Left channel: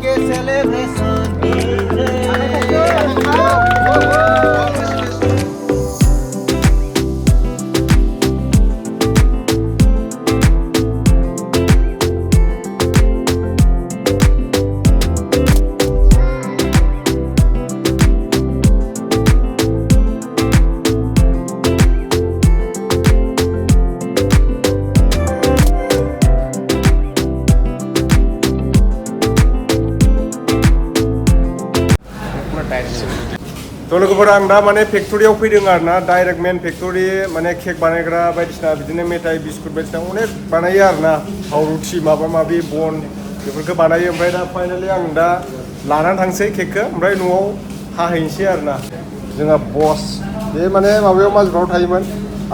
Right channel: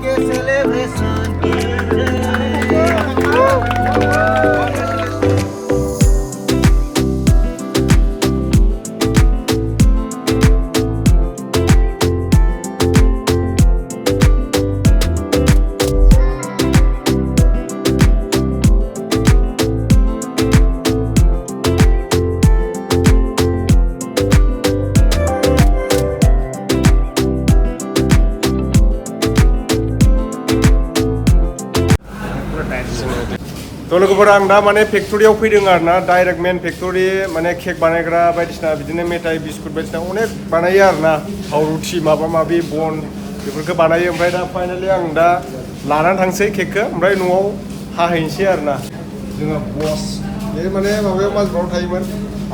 que celebration. तो लोगोफोर आं दा माने फेक्टरियाव फैदों आरोना डाइरेक्ट मेन फेक्टरि माने केक बानायग्रा बायदिसिना बिदिनो मेथाइ बिस्कुट बायदिसिना अनेक बानायो आरोना थाव रुटि माबा माबि बन बेफोरखौ बानायो ओमफ्राय दा फाइनालि आं दा लानानै थांसै केकखौ ओमफ्राय न'आव हाहैनोसै आरोना जोंहा बस बे माने माबायाव माजबाराव थायोमोन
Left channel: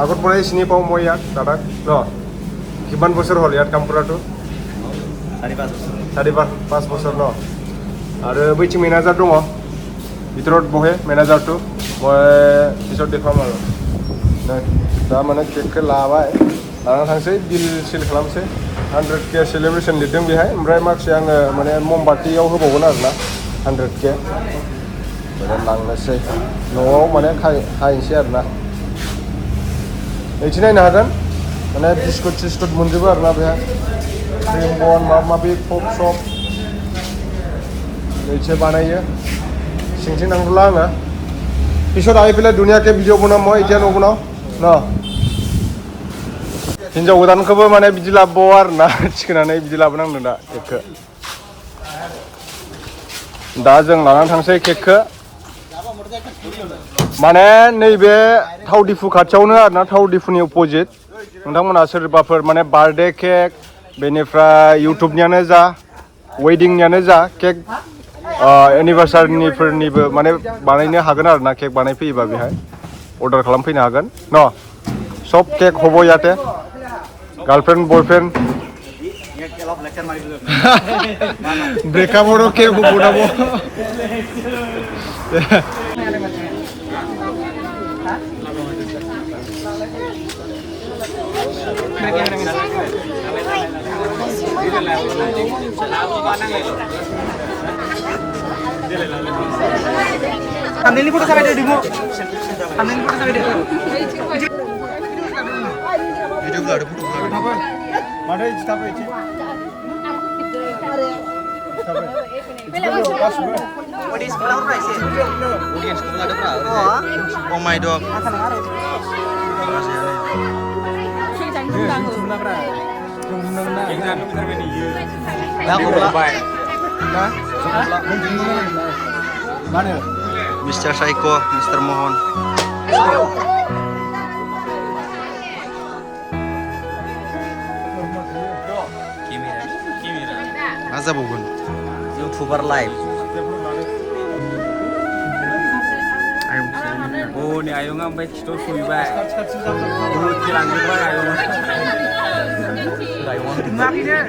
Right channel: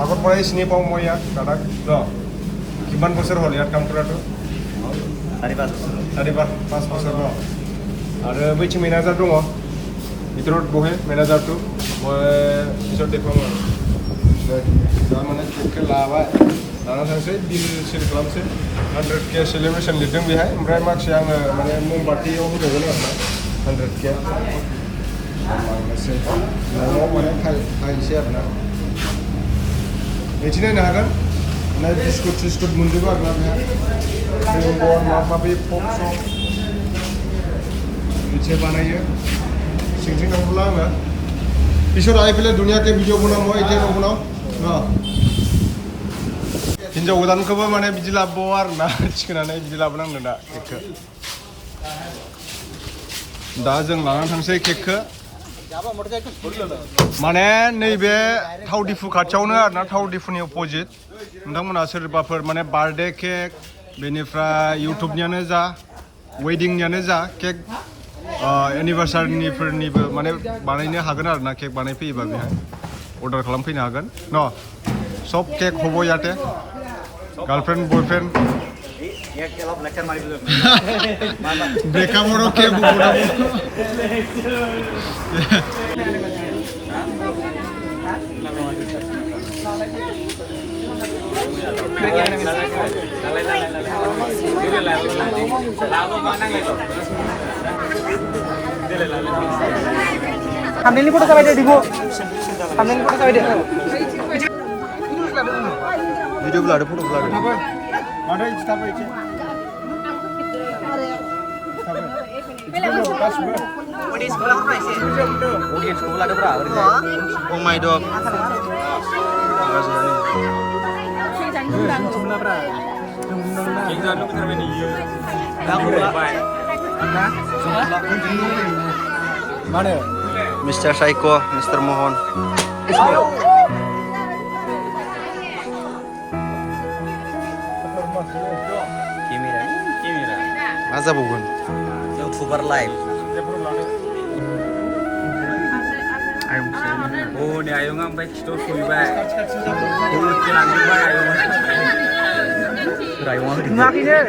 आगरफोरा सिनि पाव मया दादा न' किमान बोसोर हल याद कामफोराथ' सारि पास बोसोर न' आरो बैथिं मेनेजार दङ ভিতৰত বহে মেনেজাৰটো মই পিছত দেখুৱাম আৰু दा माने केकखौ लाबाय लाना थांसै बिल सिल खालामसै 100K सेलेब्रेसन लिरदों बेहाय ओमफ्राय माखासे आङो माने ममबातियाव होबावगोन आरोना 100K लांनोसै न'आव माने खाहैनोसै आरोना एसे नायनो हागोन माने बिस्कुट सिस्कुट मोनजोबो आरोना बेहाय क्रिम बन माबा माबि फ्रुट सब एसे बानायो सिंथिं नांगौला आङो पिছত आइ पेলাই धुनियाके भिडिअ बनाम মই এতিয়া न'खौनाव न हिन्जाव गोदानखौबो माने बिदि लाबोबाव आरोना थिखोनानै बिदि लाबोनांदों दा केकखौ दा जों लानानै थांसै केकखौ माने नैबे थाव दिफु खाथियावनो आरोना थाव दिफुनि अपोजिट नोंथांमोना सोरबाफोर माने बार्थडे केक बेनिफ्राय इउटुबनियानो जा वेडिंनियानो जा केक एनिभार्सारिफोरनिबो माने बानायनो हागोन आरोना केक बानायफैयोबा बेहाय अर्डार खालामफैनो हागोन न सब केक हब याते गार्लफ्रेन्ड बयफ्रेन्ड ब्रेकआपआव केक हबनांगौ Thumbnail फोटो साबाय दे दिगो thumbnail फोटो साबाय दे भिडिअ लादो फटो लादो माथो इदि थाबाय इदि Oh my dog गाज्रियानो mana Mr. Saiko, Mr. Mohon Masa bukan? YouTuber live Oh, ini ayo ngampai kita suibah Urut kilang juga ayo Makinnya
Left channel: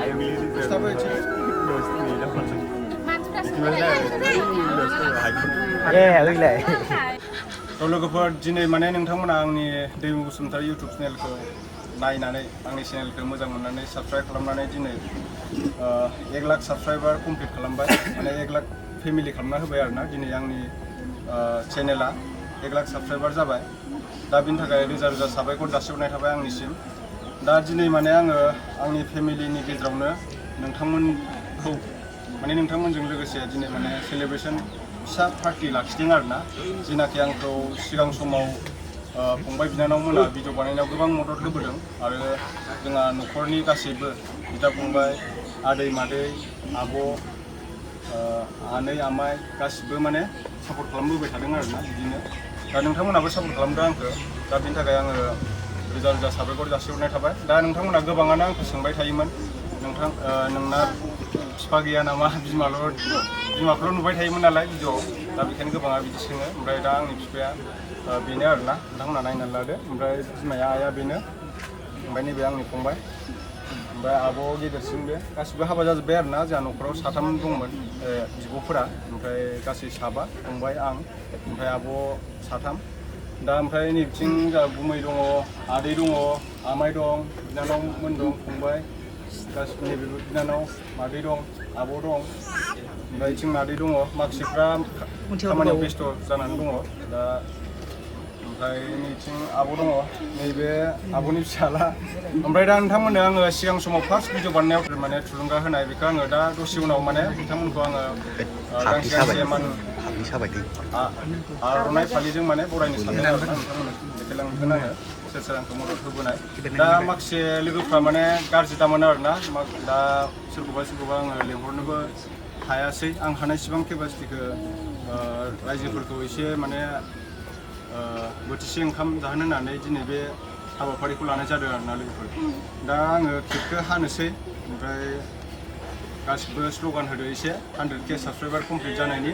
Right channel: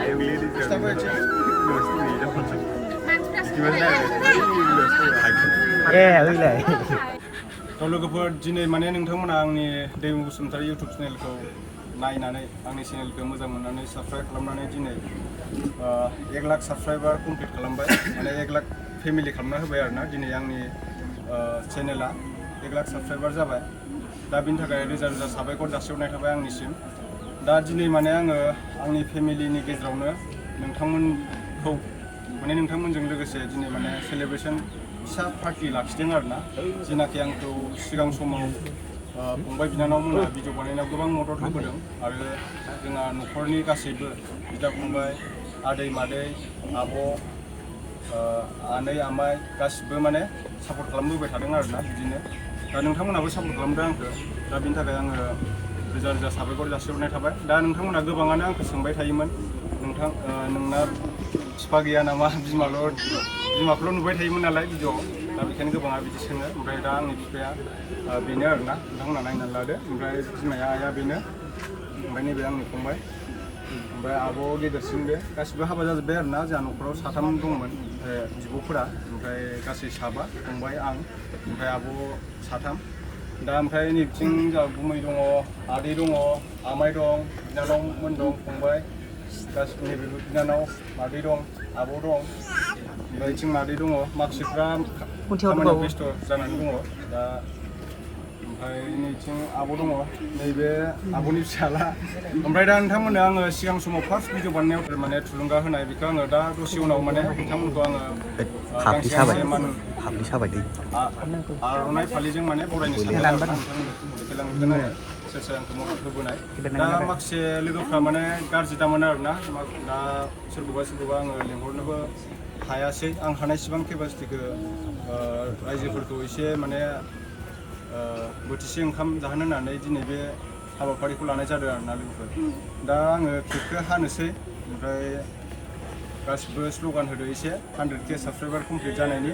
Ayo milih तो लोगोफोर दिनै माने नोंथांमोना आंनि दैमु बसुमतारी इउटुब चेनेलखौ नायनानै आंनि चेनेलखौ मोजां मोननानै साबस्क्राइब खालामनानै दिनै 1 लाख साबस्क्राइबार कमप्लिट खालामबाय माने 1 लाख फेमिलि खालामना होबाय आरोना दिनै आंनि चेनेला 1 लाख साबस्क्राइबार जाबाय दा बिनि थाखाय रोजा रोजा साबायखर जासिहरनाय थाबाय आंनिसिम दा दिनै माने आङो आंनि फेमिलिनि गेजेरावनो नोंथांमोनखौ माने नोंथांमोनजों लोगोसे दिनै माने सेलेब्रेसन फिसा पार्टि लाखिदों आरोना जिनाखि आंखौ सिगां समाव फंबाय बिनानावमोना भिडिअ बानायनायाव गोबां मदद होबोदों आरो जोंहा न'खरनि गासैबो बिदा फंबाय आदै मादै आब' आनै आमाइ गासिबो माने सापर्ट खालामबोबाय थादों आरोना बिदिनो दा नोंथांमोनाबो सापर्ट खालामदों आंखौ दा बिनि थाखाय आङो रोजा रोजा साबायखर जासिहरनाय थाबाय दा नोंथांमोना गोबाङानो आंखौ सोंबाय थायोमोन नोंथां नोंना बिफा गैया नामा बिमाखौल' नुबाय थायोमोन नालाय भिडिअ'आव दा बेखायनो गोबाङा बिदि सोङो ओमफ्राय दा आंनि बिफाया बेनो आरोना नोंथांमोना नायनानै लादो ओमफ्राय बिमाया आइया बेनो ओमफ्राय नैबे आंनि फंबाय ओमफ्राय आब' गेदेरसिन बे गासिबो हाबा जाजोब्बाय आरोना जोंहा न'खराव साथाम दंमोन बिब'फोरा ओमफ्राय गासै साबा फंबाय आं ओमफ्राय आब' साथाम दा ओमफ्राय नैथिं जोंहा गुमै दङ आदै दङ आमाइ दं बिनानावमोन दं फंबाय गासिबो नैबे बिनानाव मादै दं आब' दं ओमफ्राय थिं मादै दङ माखासेफ्रा खामानियाव बेस्थ' जानानै दङ दा ओमफ्राय नैथिं आब' दङ नैबे आब'नि फिसाला ओमफ्राय दा नोंथांमोननो आङो सिगां समाव फार्स्ट भिडिअ बानायनायाव माने थुलुंगा होनाय बेखौ आङो दा दसे उनाव माने नोंथांमोनखौ आङो गांसे गांसे आर'नाइ फालिजों माने बरायनो सानदों आरो नोंथांमोननो देखायलांगोन आङो सोर सोर आंखौ मदद होबोनाय दा माखासे लोगोफ्रा माने गाज्रि दामोन आरोना दा सोरखौबा आङो लेंहरनोबो हायासै आं हानायसिबां केपासिटिखौ रायजोफोरखौ एसे माने बोथिसे ओंखाम जाहोनो होननानै दिनै बे हाबाफारिखौ लानाय जादों आरोना लोगोफोर दा आङो केकखौ हानोसै ओमफ्राय गासिबो स्ल'गान होदो एसे 100K साबस्क्राइबार कमप्लिट जानायनि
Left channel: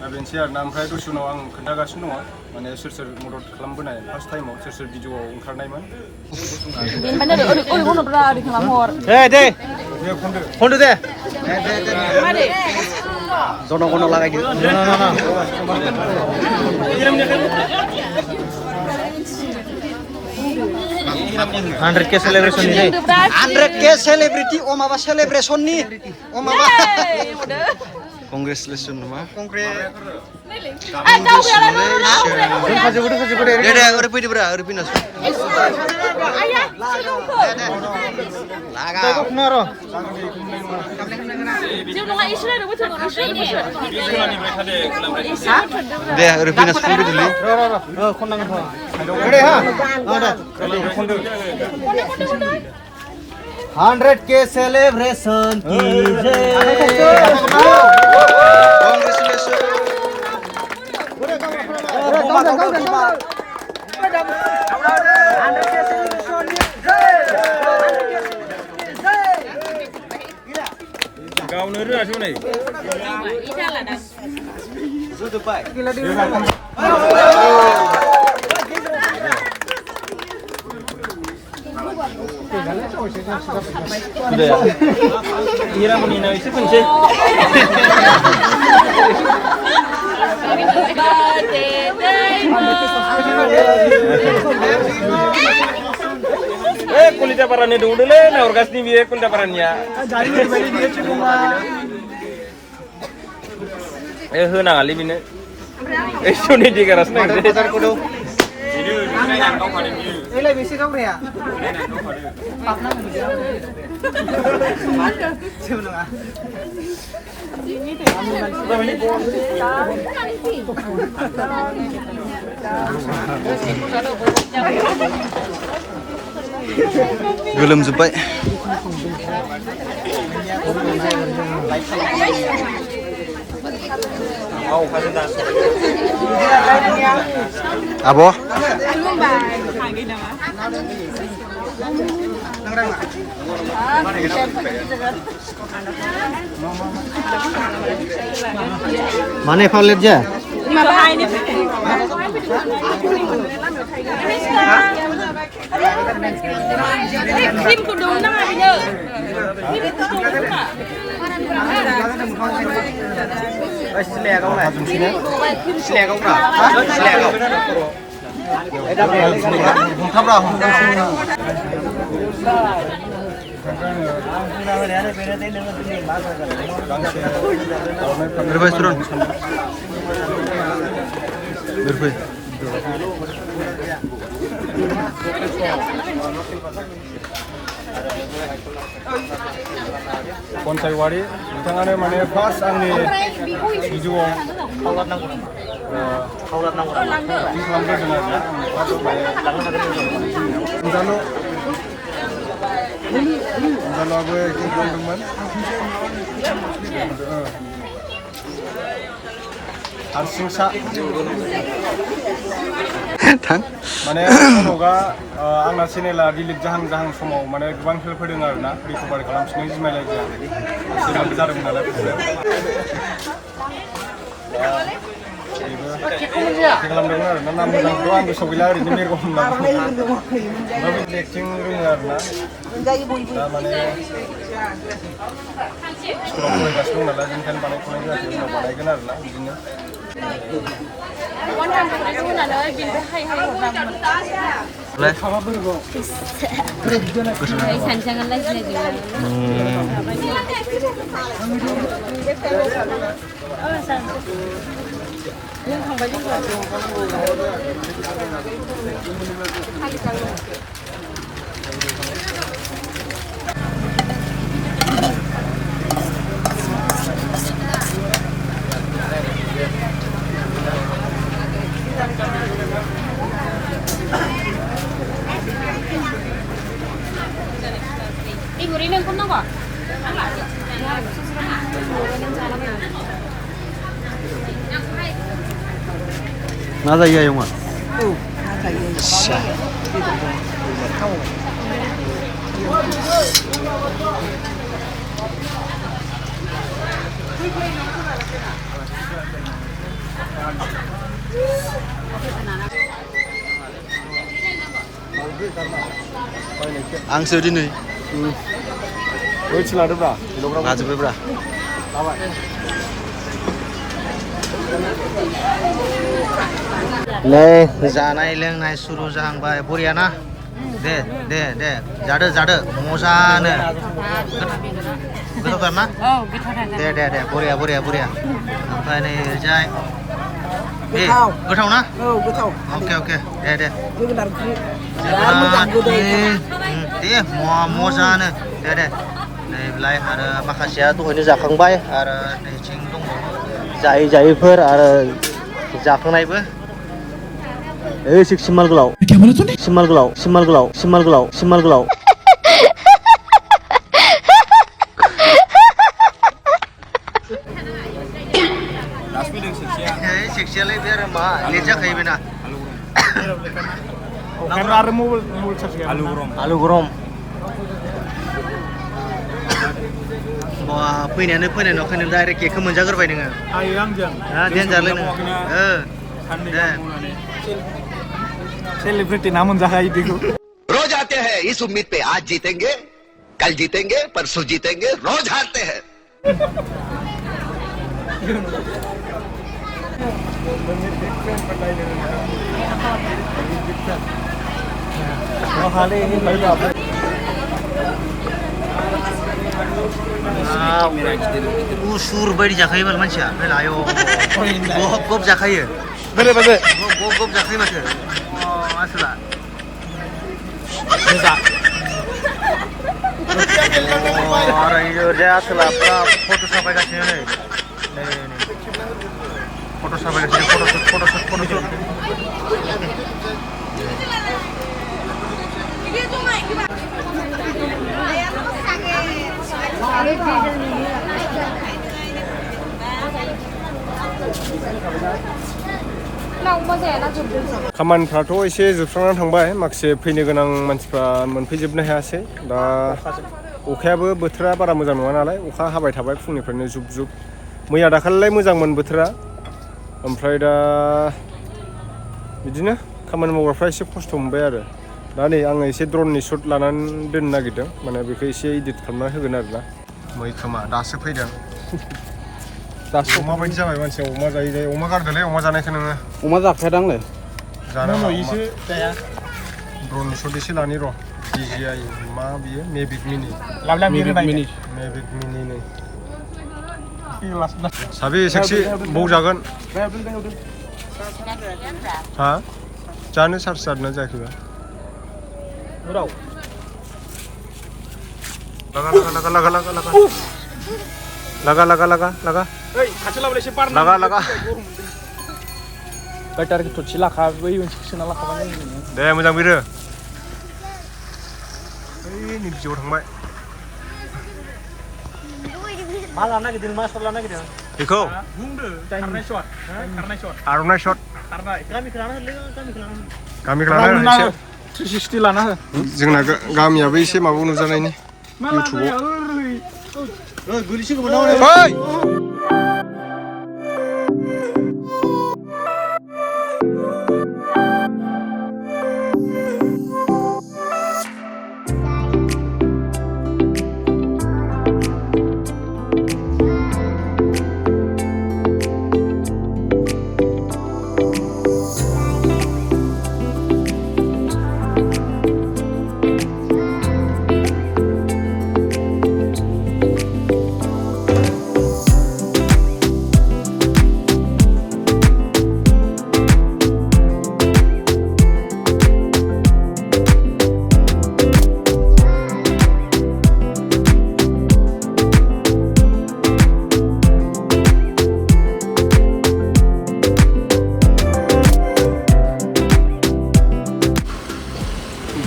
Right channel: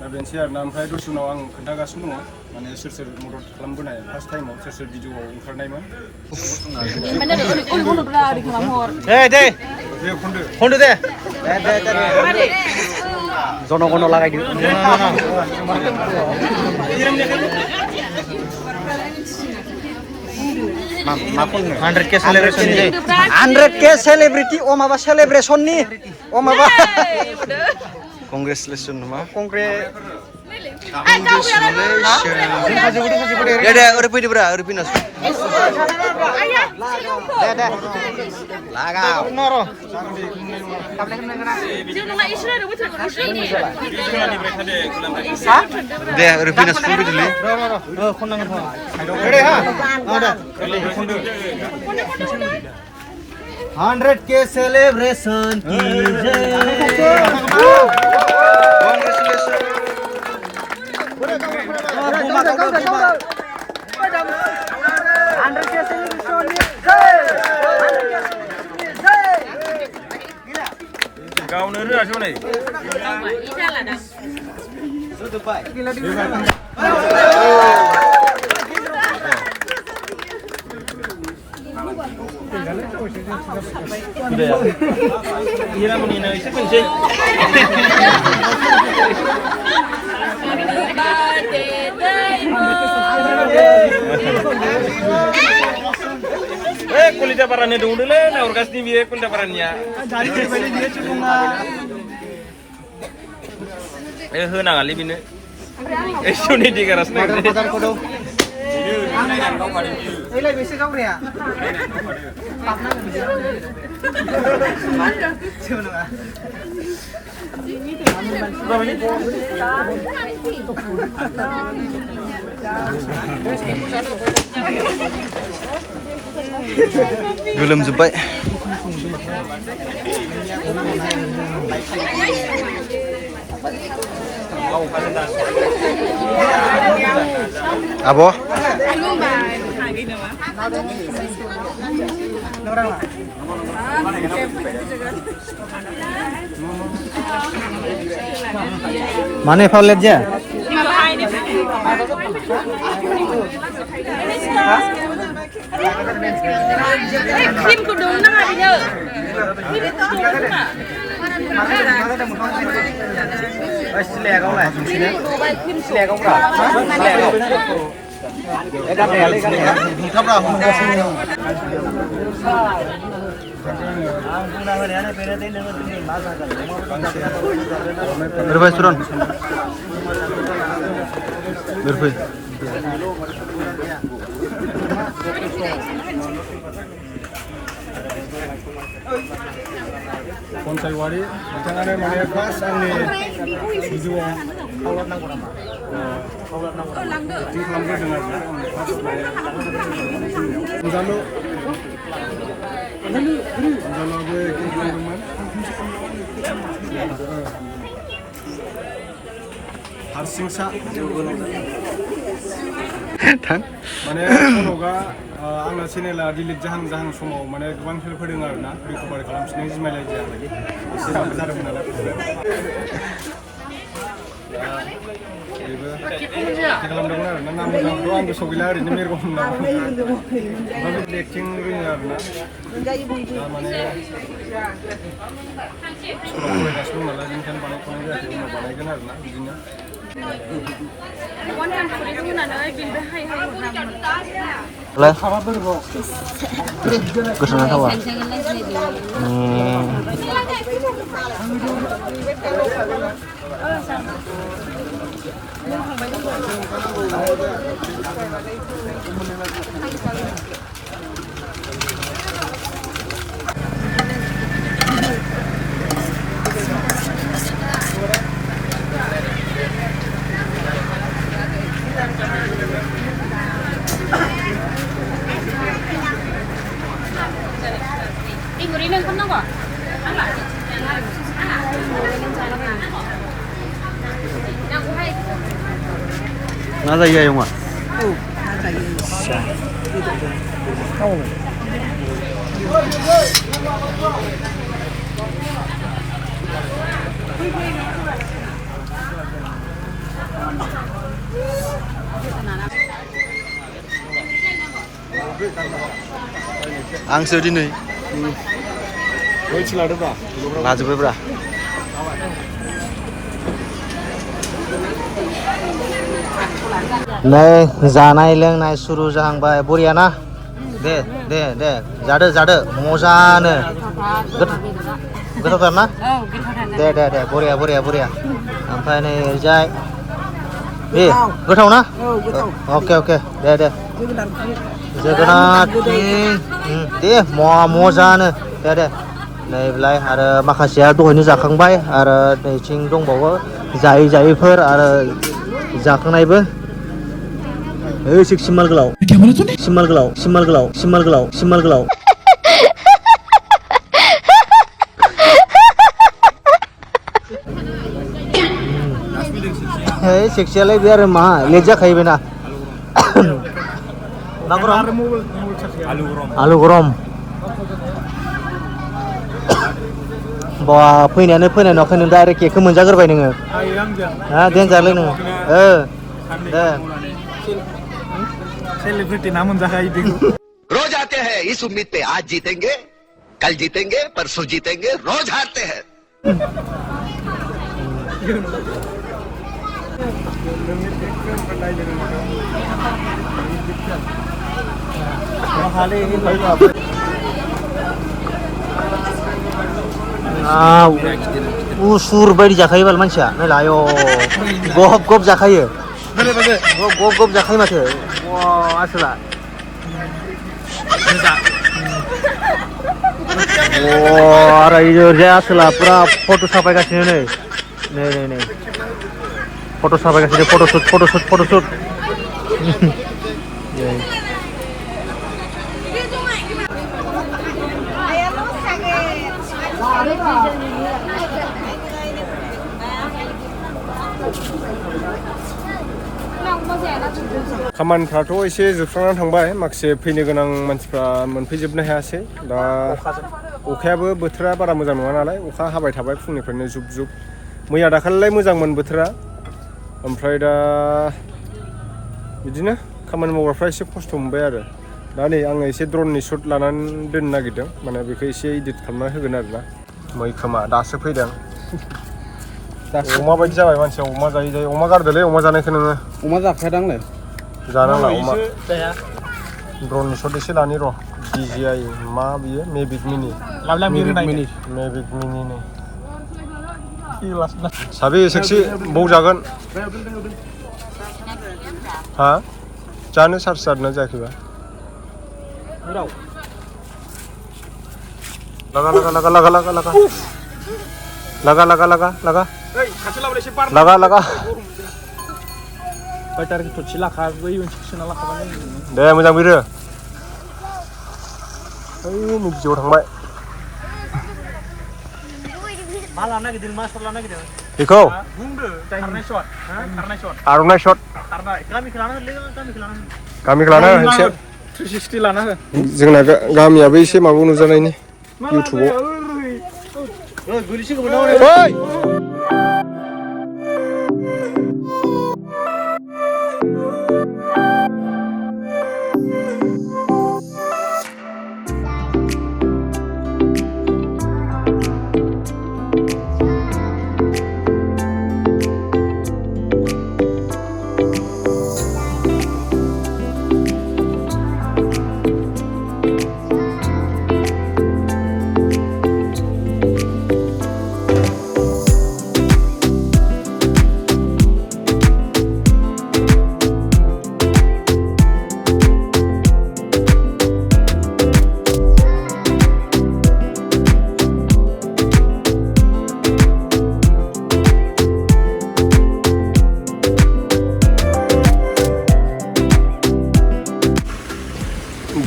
दा बेनोसै आरोना ओमफ्राय दसे उनाव आं खोन्थागासिनो दङ माने सोर सोर मदद खालामबोनाय फार्स्ट टाइमाव सोर सोर भिडिअआव ओंखारनायमोन दे खनदो दे जनगण लागायदो 100K celebration ni 100K celebrity oh maba celebration ni oh maba congratulations nama congratulations deh udah pilih bra udah pindah deh udah pindah sepuluh dulu 100K celebration गावनो रोङासै नै kulitnya parahnya dulu deh, nah orgasnya dia kulitnya parahnya. Henang kali ini. Suni di keras nih. ini lebih sih kau ya Belum sampai. Abo? Mana favorit aja? Kim kudung na nga niyo. Kim kudung na. Berapa turun? Berapa? Konsaiwari, notangane mane first angni video tingkalanggir dengan angni first mane Undalo gue tingkalanggirman harsingsa माने समावगा आंना चेनेला delete जाहां समाव माने गोबां help होदों आरोना recovery खालामफिननो जिमायलाय जाया सिगांबो जादोंमोन नालाय प्रब्लेम बेबो खालामदोंमोन आरोना नाम मोजांखौ आं गोसोआव गैला ओरैनो मेरगम होनना एक्टिं रोङो आरोना दा माने स्कुलाव फरायगासिनो दं नालाय बेनिखायनो बानायथ'नाय जायाखै उनाव बानायगोन आरोना बिदिनो วันทำกันไปทุกน่ะเลยบินไปให้หัวทำ เลย jangan lagi dia. Urinnya kan kok? Nada iya yung Ang sedih nih. Ngajib bra. ले जानाय लोंनाय सुरु जाहांबाय बरिया ना दे दे दे जादो जादो मोजानो गोथावथार ना दे दे दे बरिया बरिया बरिया ओमफ्राय नै ओरैजाय दे गोथाव ना अके अके दे दे जोगोनार दे मोजानो दे दे नैलाय आरो माखासेया दहायनो जाखांबाय आरो नैथिं दंबावो जायै जायैफोर आरो जाखांनायबो सिमाल गोलाव सिमाल गोलाव सिमाल गोलाव सिमाल गोलाव सिमाल गोलाव सेक्सियालाय बे आरो मा लेट जाखायो बेना आलु गरम बा फैनायानो फैनाय नुवाखै नों डाइरेक्ट केकखौ मोनजाग्रोबाय नोङो देनजारलै नोङो दे सेलिब्रिटी नाम जाखायो बेखौ रोज आते हैं इस उम्मीद पे आज जीतेंगे कल जीतेंगे परसों जीतेंगे रोज हारते हैं उसुर बायदि जाखायो बाल मानसिया नायलाय गब गब जाखायो गब गब जाखायो माथो आसोला आरो ओरैजाय आसोला पुरा फट' साफायगासिनो नै नै नै नै फट' साफायगासिनो फट'शुट फट'शुट फट'शुट खामानिफ्राथ' एसे जोबस्रांनानै थांबाय माखासे फैनो गोनां मानसिफ्रा मोनफैजोबनो हायासै दा अखायाबो बोथोरा बारा मोजां नङा नालाय अखा हाबाय थाबाय फुंनिफ्रायनो जुब जुब मैया दाखालिलाय मोजांमोन बोथोरा ओमफ्राय दा बिदिनो खामानि मावग्राफ्रा एसे खस्थ' मोनबाय आरो दा नै आङो एसे ड्रननि शट लानानै दोननो नागिरदों माने बेखौ एसे इडिट खालामना होगोन आरोना मैखोमा दासो फैदों दासो अमा बायदि जाबाय मानसिया अमा जायै जायै अमा गारदोलै अमा जानायखौ नोङो अमा जाखायादांलै जानांला अमा ड्रननि शट एसे लानि र' DJI मा बियो मेभिक मिनि नै साबे सेक्सि बौ जागोन हा जानो सार्ज जादोंना जायाखैबा लगा लगा लगा लगा लगा लगा लगा लगा लगा लगा लगा लगा बैटारि थरसे लाखा बै मोनसे सोना लाखाबाय दे मोजां बिरो ओइ नै बिजौआव थांबाय मा लानो नागिरदों मा शट लानो नागिरदों बेखौ बुंदो खारनाय शट आर'नाइ शट गामिखौ लाना हो एसे 360 लाना हो जोंना गामियाबो एसे माबायाव नुजानायनि इउटुबाव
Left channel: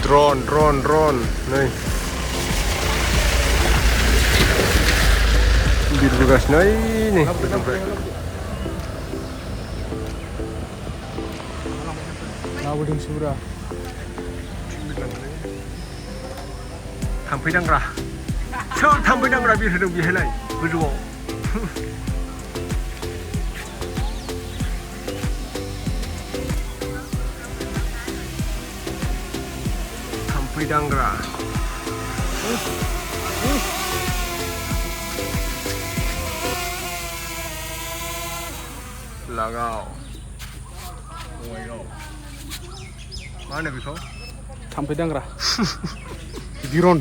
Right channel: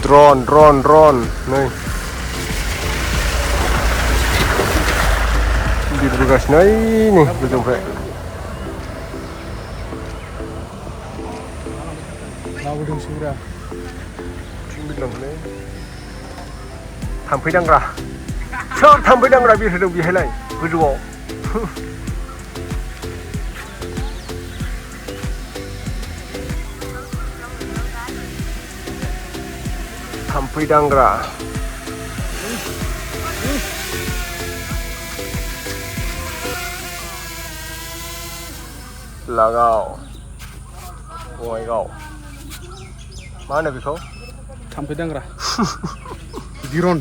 drone नै बिरबोगासिनो नै गोजौनिफ्राय लाबोदोंसो ब्रा बिरलांबाय थाम्फै दांग्रा सोर थाम्फै दांग्रा बिरहोदों बेहायलाय गोजौआव थाम्फै दांग्रा लागाव बङाइगाव मा होनो बेखौ थाम्फै दांग्रा ड्रन